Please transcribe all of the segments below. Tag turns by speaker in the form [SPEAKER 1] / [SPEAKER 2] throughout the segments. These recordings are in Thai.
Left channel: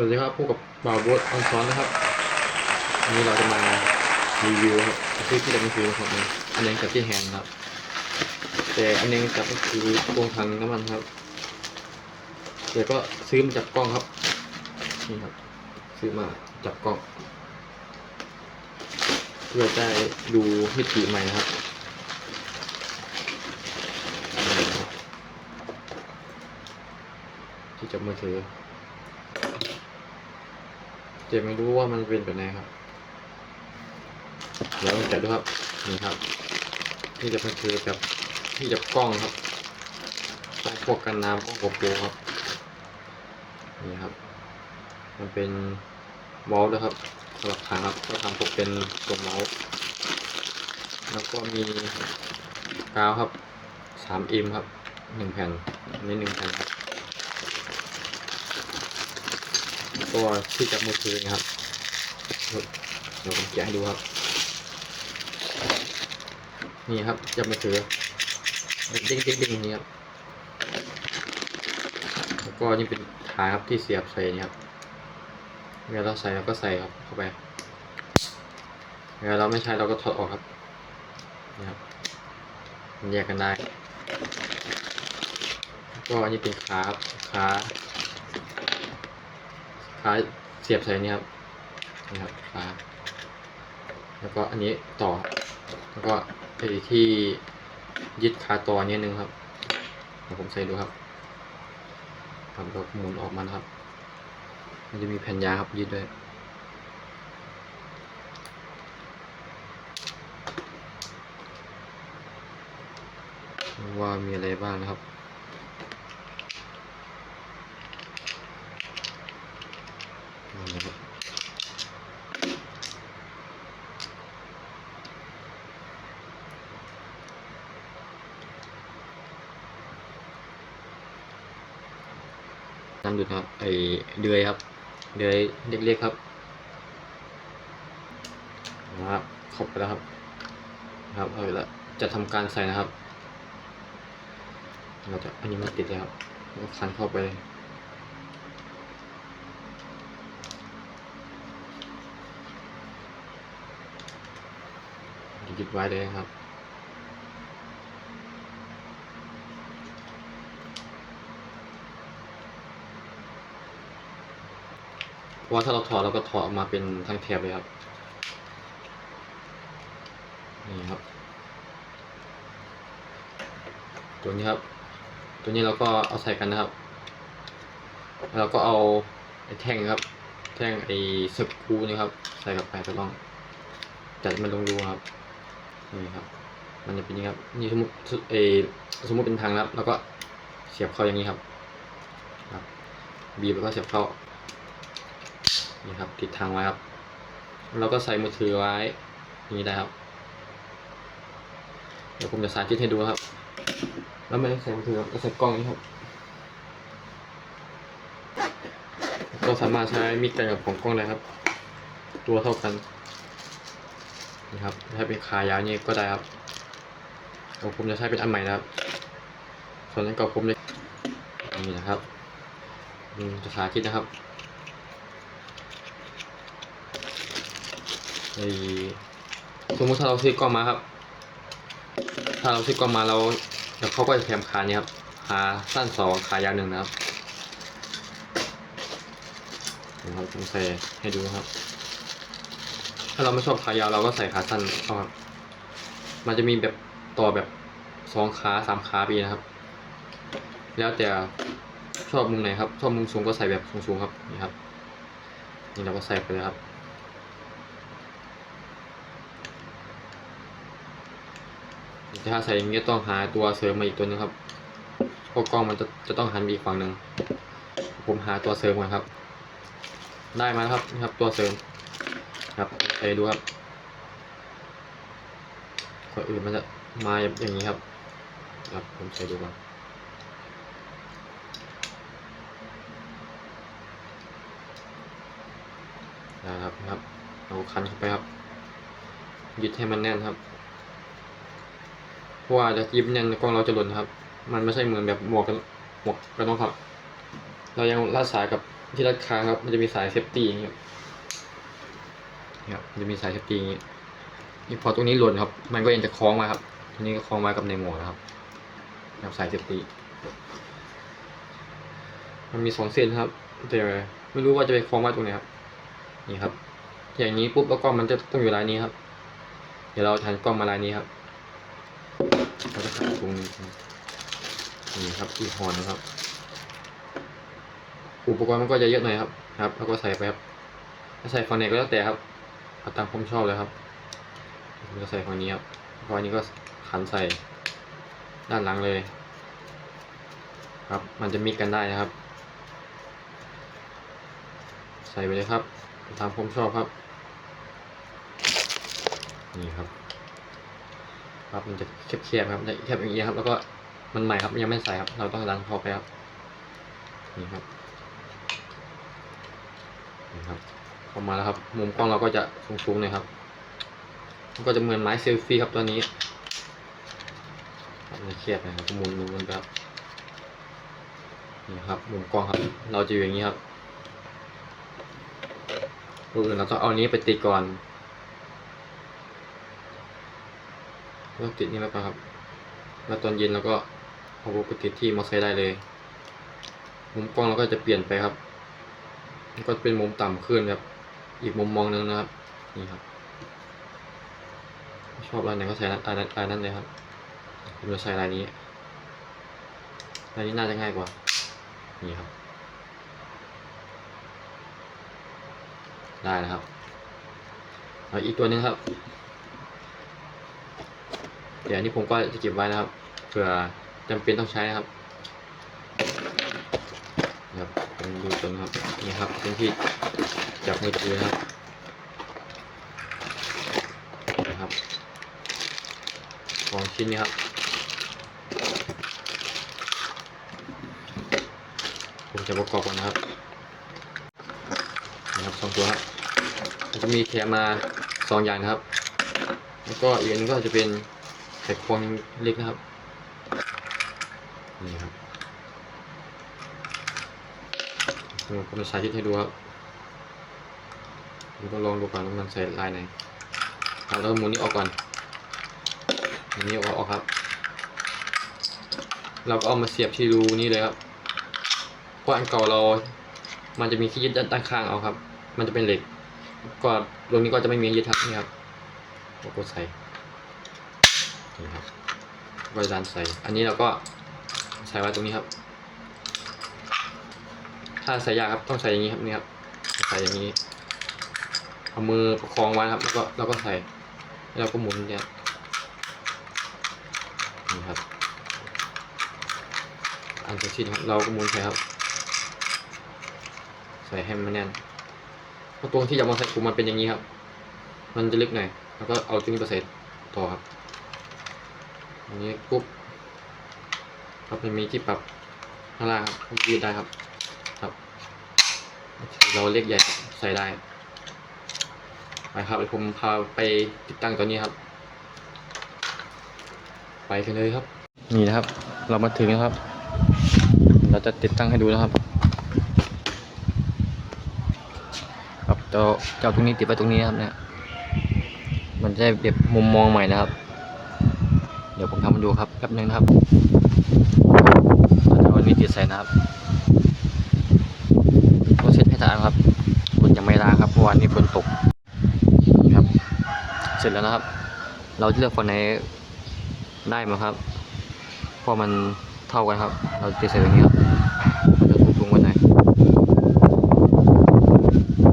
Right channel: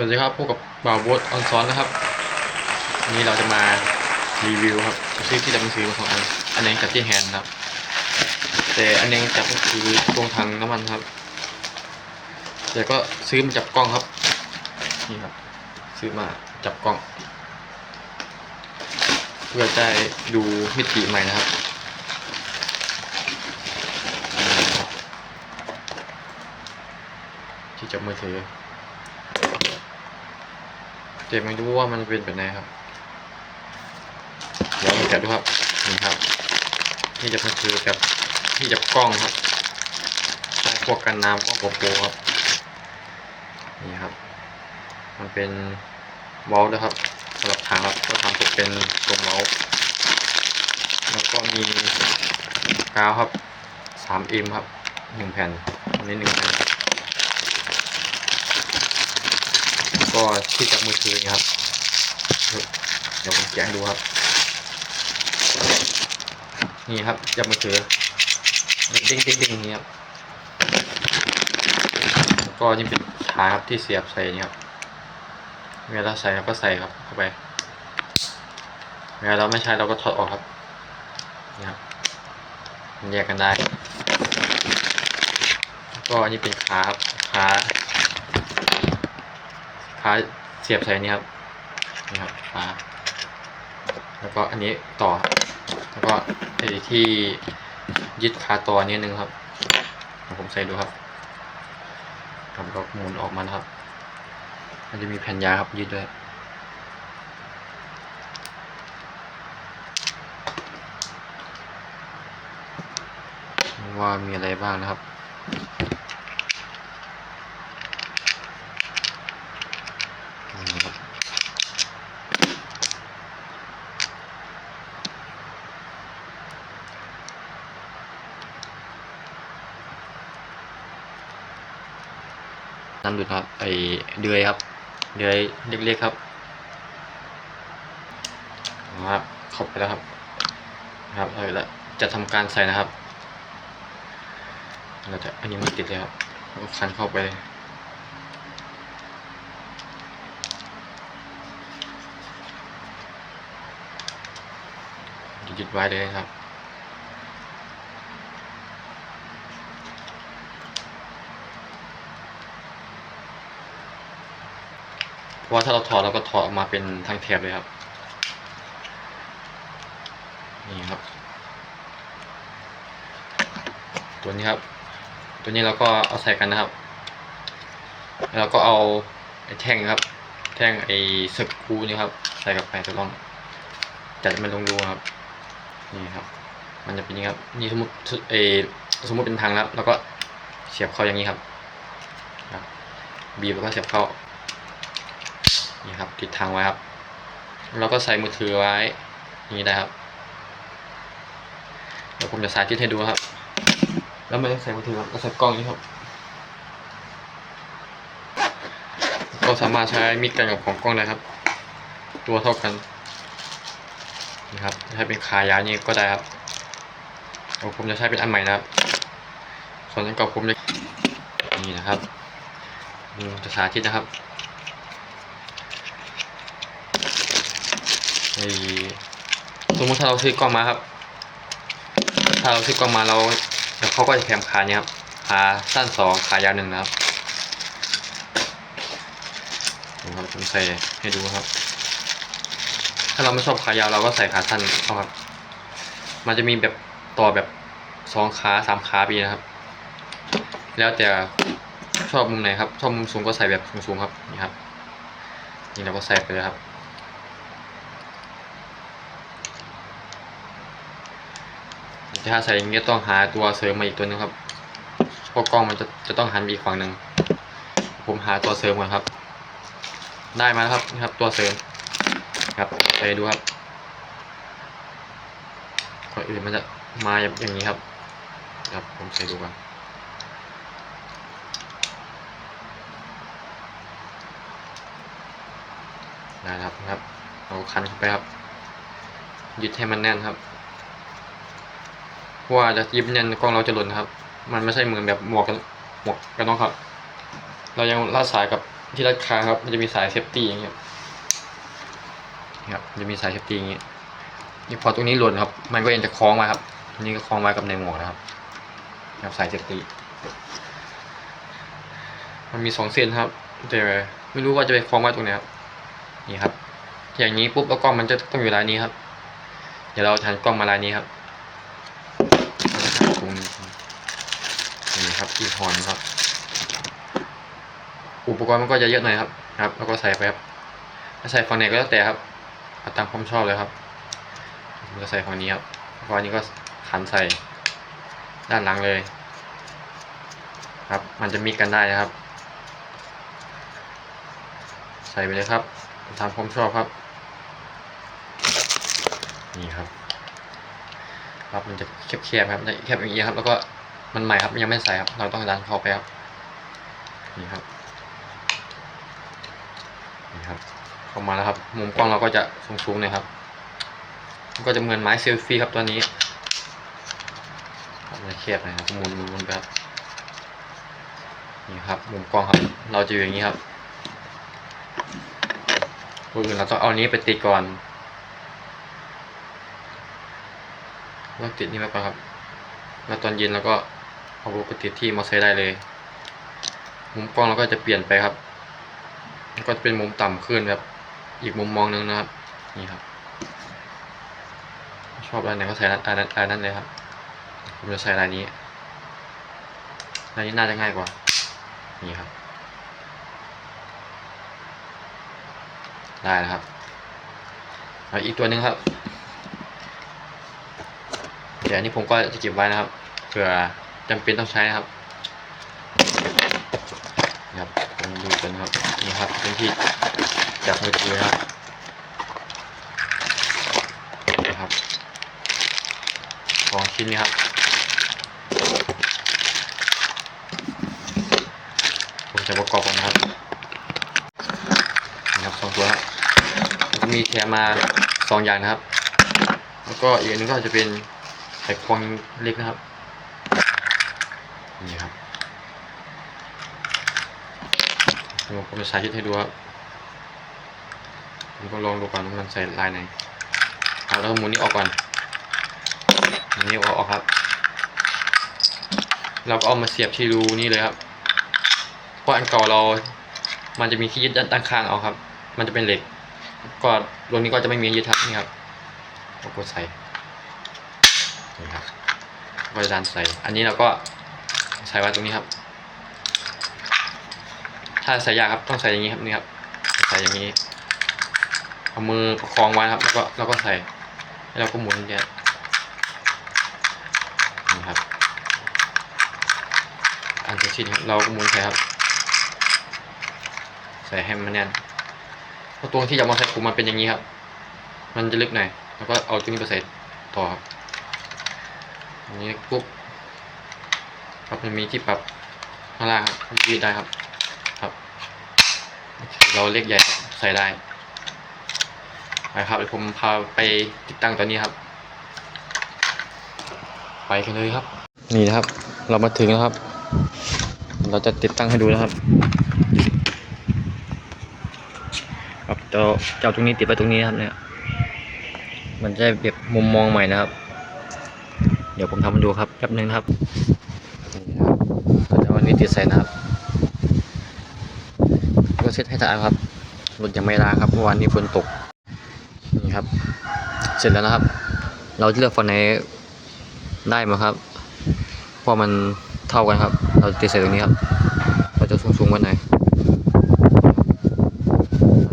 [SPEAKER 1] วัสดีครับพบกับบ่าวบสออนซ้อนนะครับวันนี้เราจะมารีวิวครับซื้อที่ดับซื้อของอันอันเองกับที่แฮนด์ครับ แต่อันเองจับก็คือตรงถังน้ำมันครับแต่ก็ซื้อมาจับกล้องครับนี่ครับ ซื้อมาจับกล้อง เพื่อจะดูมิติใหม่นะครับนี่ครับที่จับมือถือ เจ็บไม่รู้ว่ามันเป็นแบบไหนครับ เดี๋ยวมาแกะดูครับ นี่ครับ นี่จะเป็นคือแบบที่จับกล้องครับกล้องพวกกันน้ำกล้องโกโปรครับ นี่ครับ มันเป็นเมาส์นะครับสำหรับทางครับก็ทำตกเป็นตรงเมาส์แล้วก็มีกาวครับสามเอ็มครับหนึ่งแผ่นอันนี้หนึ่งแผ่น ก็ที่จับมือถือนี่ครับ เดี๋ยวผมแกะดูครับ นี่ครับจับมือถือเด้งเด้งเด้งนี่ครับก็นี่เป็นขาครับที่เสียบใส่นี่ครับเวลาใส่เราก็ใส่ครับเข้าไปเวลาเราไม่ใช้เราก็ถอดออกครับนี่ครับแยกกันได้ ก็อันนี้เป็นขาครับขา ขาเสียบใส่นี่ครับนี่ครับขาแล้วก็อันนี้ต่อ แล้วก็ไอ้ที่ยึดขาต่อนิดนึงครับผมใส่ดูครับครับก็หมุนออกมานะครับ มันจะมีแผ่นยาครับยึดด้วยว่ามีอะไรบ้างนะครับ น้ำดูดครับไอเดือยครับ เดือยเล็กๆครับนะครับเข้าไปแล้วครับ ครับเอาไปและจะทำการใส่นะครับ เราจะอันนี้มันติดเลยครับคันเข้าไปเลยยึดไว้เลยครับ ราะว่าถ้าเราถอดเราก็ถอดออกมาเป็นทั้งแถบเลยครับ นี่ครับ ตัวนี้ครับ ตัวนี้เราก็เอาใส่กันนะครับ แล้วเราก็เอาไอ้แท่งครับ แท่งไอ้สกรูนี่ครับ ใส่กับไปถูกต้องจัดมันลงรูครับ นี่ครับ มันจะเป็นอย่างนี้ครับ นี่สมมติเออสมมติเป็นทางนับแล้วก็เสียบเข้าอย่างนี้ครับครับบีบแล้วก็เสียบเข้า นี่ครับติดทางไว้ครับแล้วก็ใส่มือถือไว้นี้ได้ครับเดี๋ยวผมจะสาธิตให้ดูครับ แล้วไม่ต้องใส่มือถือครับก็ใส่กล้องนี้ครับ ก็สามารถใช้มิดกันกับของกล้องได้ครับ ตัวเท่ากันนี่ครับถ้าเป็นขายาวนี่ก็ได้ครับเดี๋ยวผมจะใช้เป็นอันใหม่นะครับ ส่วนอันก่าผมจะนี่นะครับจะสาธิตนะครับไอ้ สมมติถ้าเราซื้อกล้องมาครับ ถ้าเราซื้อกล้องมาเราเขาก็จะแถมขาเนี่ยครับขาสั้นสองขายาวหนึ่งนะครับนี่ครับผมใส่ให้ดูครับ ถ้าเราไม่ชอบขายาวเราก็ใส่ขาสั้นเอาครับ มันจะมีแบบต่อแบบสองขาสามขาปีนะครับ แล้วแต่ชอบมุมไหนครับ ชอบมุมสูงก็ใส่แบบสูงๆครับ นี่ครับ นี่เราก็ใส่ไปเลยครับ ถ้าใส่อย่างนี้ต้องหาตัวเสริมมาอีกตัวหนึงครับเพราะกล้องมันจะจะต้องหันไปอีกฝั่งหนึ่งผมหาตัวเสริมก่อนครับ ได้มาแล้วครับนี่ครับตัวเสริมครับไปดูครับก่อนอื่นมันจะมาอย่างนี้ครับครับผมใส่ดูก่อนได้ครับนะครับ เอาคันเข้าไปครับ ยึดให้มันแน่นครับ ว่าจะยึดแน่นกล้องเราจะหล่นครับ มันไม่ใช่เหมือนแบบหมวกกันหมวกกันน็อกครับ เรายังลาดสายกับที่รัดคาครับ มันจะมีสายเซฟตี้อย่างเงี้ยครับจะมีสายเซฟตี้อย่างเงี้ยนี่พอตรงนี้หล่นครับ มันก็ยังจะคล้องมาครับนี่ก็คล้องไว้กับในหมวกนะครับครับสายเซฟตี้มันมีสองเส้นครับแต่ไม่รู้ว่าจะไปคล้องไว้ตรงไหนครับนี่ครับ อย่างนี้ปุ๊บแล้วกล้องมันจะต้องอยู่ลายนี้ครับ เดี๋ยวเราทันกล้องมาลายนี้ครับ ราจะหาตรงนี้นี่ครับอีกหอนครับ อุปกรณ์มันก็จะเยอะหน่อยครับครับ แล้วก็ใส่ไปครับถ้าใส่ฝั่งไหนก็แล้วแต่ครับเอาตามความชอบเลยครับผมจะใส่ฝั่งนี้ครับเพราะอันนี้ก็ขันใส่ด้านหลังเลย ครับ มันจะมีกันได้นะครับ ใส่ไปเลยครับตามความชอบครับ นี่ครับ ครับมันจะแคบๆครับแคบอย่างนี้ครับ แล้วก็มันใหม่ครับยังไม่ใส่ครับ เราต้องดันเข้าไปครับนี่ครับนี่ครับเข้ามาแล้วครับ มุมกล้องเราก็จะสูงๆหน่อยครับก็จะเหมือนไม้เซลฟี่ครับตัวนี้ครับมันจะแคบหนะครับมุนมุนไปครับนี่ครับ มุมกล้องครับ เราจะอยู่อย่างนี้ครับอื่นเราต้องเอานี้ไปติดก่อน ต้องติดนี่ไว้ก่อนครับ แล้วตอนเย็นเราก็เอาไปติดที่มอเตอร์ไซค์ได้เลย มุมกล้องเราก็จะเปลี่ยนไปครับก็จะเป็นมุมต่ำขึ้นครับ อีกมุมมองหนึงนะครับ นี่ครับ ชอบลายไหนก็ใส่ลายนั้นลายนั้นเลยครับ ผมจะใส่ลายนี้ลายนี้น่าจะง่ายกว่า นี่ครับ ได้แล้วครับอาอีกตัวหนึ่งครับ เดี๋ยวอันนี้ผมก็จะเก็บไว้นะครับเผื่อจำเป็นต้องใช้นะครับนี่ครับผมดูจนครับนี่ครับเป็นที่จับมือถือครับนะครับของชิ้นนี้ครับผมจะประกอบกันนะครับนี่ครับสองตัวครับก็มีแถมมาสองอย่างนะครับ แล้วก็อีกอันนึงก็จะเป็น ไข่ควงเล็กนะครับ นี่ครับผมจะสาธิตให้ดูครับผมก็ลองดูก่อนว่ามันใส่ลายไหนเอาแล้วก็หมุนนี้ออกก่อนหมุนนี้ออกออกครับ เราก็เอามาเสียบที่รูนี่เลยครับ เพราะอันเก่าเรา มันจะมีที่ยึดด้านข้างเอาครับ มันจะเป็นเหล็ก ก็ตรงนี้ก็จะไม่มียึดครับนี่ครับเราก็ใส่ นี่ครับก็จะดันใส่ อันนี้เราก็ใส่ไว้ตรงนี้ครับ ถ้าใส่ยากครับต้องใส่อย่างนี้ครับนี่ครับ ใส่อย่างนี้ เอามือประคองไว้ครับ แล้วก็แล้วก็ใส่ แล้วเราก็หมุนเนี่ยนี่ครับ อันเสร็จสิ้นครับ เราก็หมุนใส่ครับ ใส่ให้มันแน่นเพราะตัวที่จะมาใส่คุมมันเป็นอย่างนี้ครับ มันจะลึกหน่อย แล้วก็เอาตัวนี้ไปใส่ต่อครับ อันนี้ปุ๊บครับมันมีที่ปรับข้างล่างครับยืดได้ครับ ครับ เราเล็กใหญ่ใส่ได้ไปครับเดี๋ยวผมพาไปติดตั้งตัวนี้ครับ ไปกันเลยครับ นี่นะครับ เรามาถึงแล้วครับ เราจะติดตั้งให้ดูนะครับ ครับเจะจะเอาตรงนี้ติดไว้ตรงนี้นะครับเนี่ย มันจะได้แบบมุมมองใหม่นะครับ เดี๋ยวผมทำให้ดูครับแป๊บนึงนะครับเราจะเอาอันนี้ติดใส่นะครับก็เซ็ตให้สะอาดครับรถยังไม่ล้างครับเมื่อวานนี้ฝนตกนี่ครับ เสร็จแล้วนะครับ เราจะเลือกฝั่งไหนได้ไหมครับเพราะมันเท่ากันครับ เราติดใส่ตรงนี้ครับเราจะสูงๆกันหน่อย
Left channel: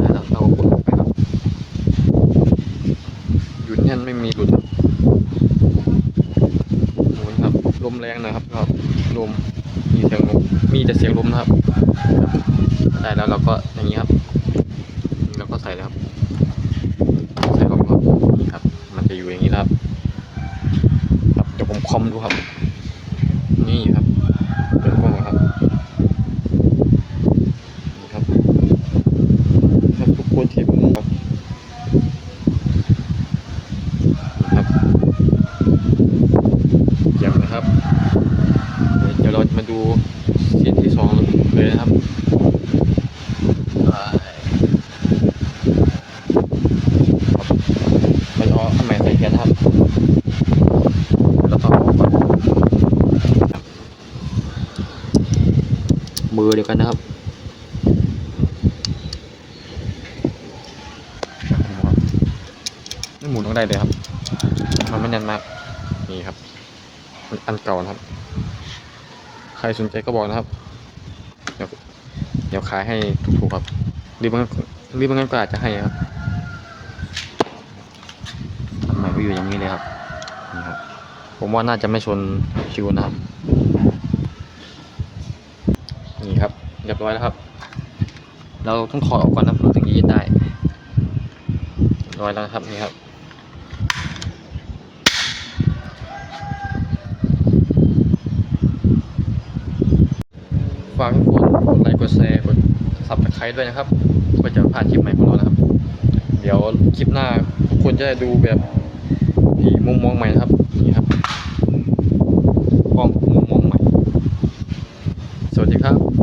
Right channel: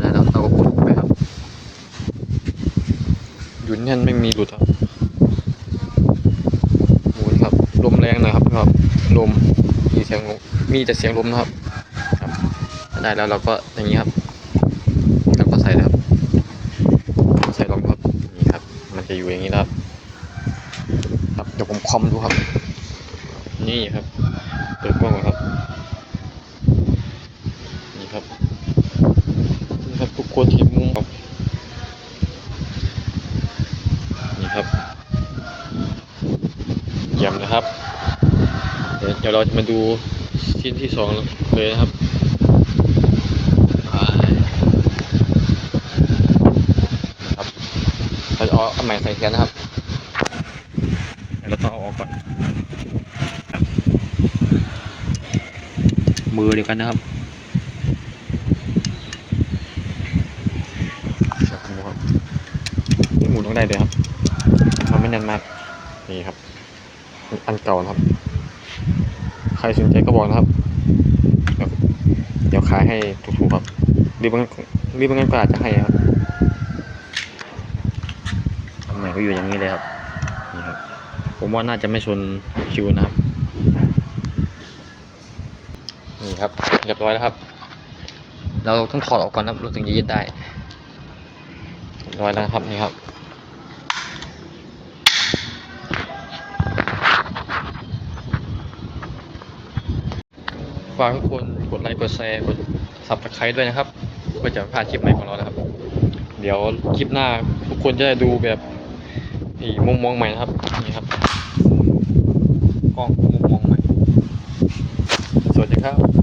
[SPEAKER 1] แล้วเราก็กดไปครับหยุดแน่นไม่มีหลุดครับหมุนครับ ลมแรงหนะ ครับลมมีเสียงลมมีแต่เสียงลมนะครับครับได้แล้วเราก็อย่างนี้ครับเราก็ใส่นะครับ ใส่ลงครับนี่ครับ มันจะอยู่อย่างนี้นะครับ ครับเดี๋ยวผมคอมดูครับ นี่ครับเปิดกล้องก่อนครับนี่ครับนี่ครับทุกคนเห็นมุมครับนี่ครับเยี่ยมนะครับ เดี๋ยวเรามาดูชิ้นที่สองเลยนะครับครับเราจะเอาอันใหม่ใส่แทนนะครับเดี๋วราต้องอาก่อนมือเดียวกันนะครับนี่หมุนต้องได้เลยครับมันไม่แน่นมากนี่ครับ อันเก่านะครับ ใครสนใจก็บอกนะครับ เดี๋ยวเดี๋ยวขายให้ถูกๆครับ รีบบางรีบบางก็อาจจะให้ครับอันใหม่ก็อยู่อย่างนี้เลยครับ นี่ครับ ผมว่าน่าจะไม่ชนคิวนะครับ นี่ครับ เรียบร้อยแล้วครับ เราต้องถอดออกก่อนนะครับเราถึงจะยึดได้เรียบร้อยแล้วครับนี่ครับ ฝากทุกคนกดไลค์กดแชร์กดซับสไครต์ด้วยนะครับเพื่อจะไม่พลาดคลิปใหม่ของเรานะครับ เดี๋ยวคลิปหน้าทุกคนจะได้ดูแบบอีกมุมมองใหม่นะครับนี่ครับกล้องมุมมองใหม่ สวัสดีครับ